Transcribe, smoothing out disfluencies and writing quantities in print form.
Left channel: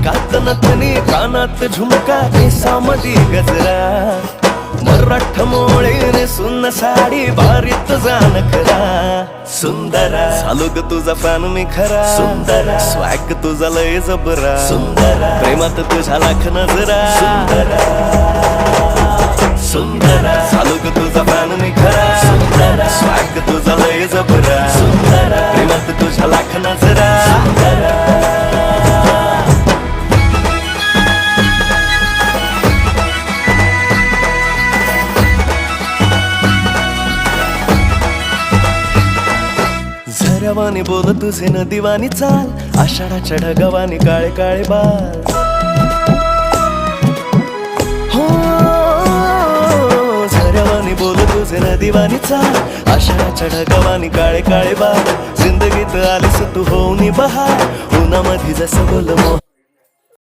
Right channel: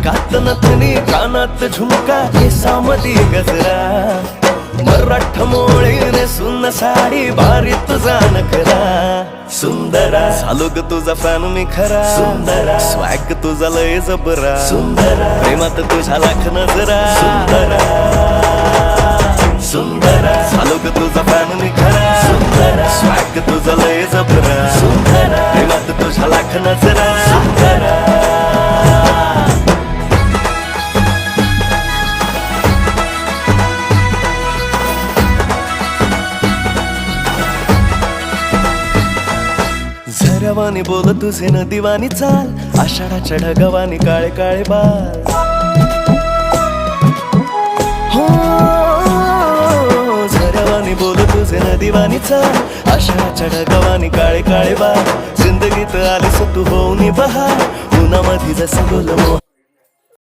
नाकात नथनी कानात झुमका केसामधी गजरा मराठ मोळीने सुन्न साडी भारी तुझा नखरा सुंदरा झालो ग तुझा फॅन मी खरा सुंदरा स्वॅग तुझा लय जबरा सुंदरा प्रेमात तुझा लाख नजरा सुंदरा झालो ग तुझा फॅन मी खरा स्वॅग तुझा लय जबरा प्रेमात तुझा लाख नजरा झऱ्यावानी बोल तुझे नदीवानी चाल आषाढाच्या ढगावानी काळे काळे बाल हो झऱ्यावानी बोल तुझे नदीवानी चाल आषाढाच्या ढगावानी काळे काळे बाल जिंदगीत आलीस तू होऊनी बहार उन्हामध्ये जसं बोल मोह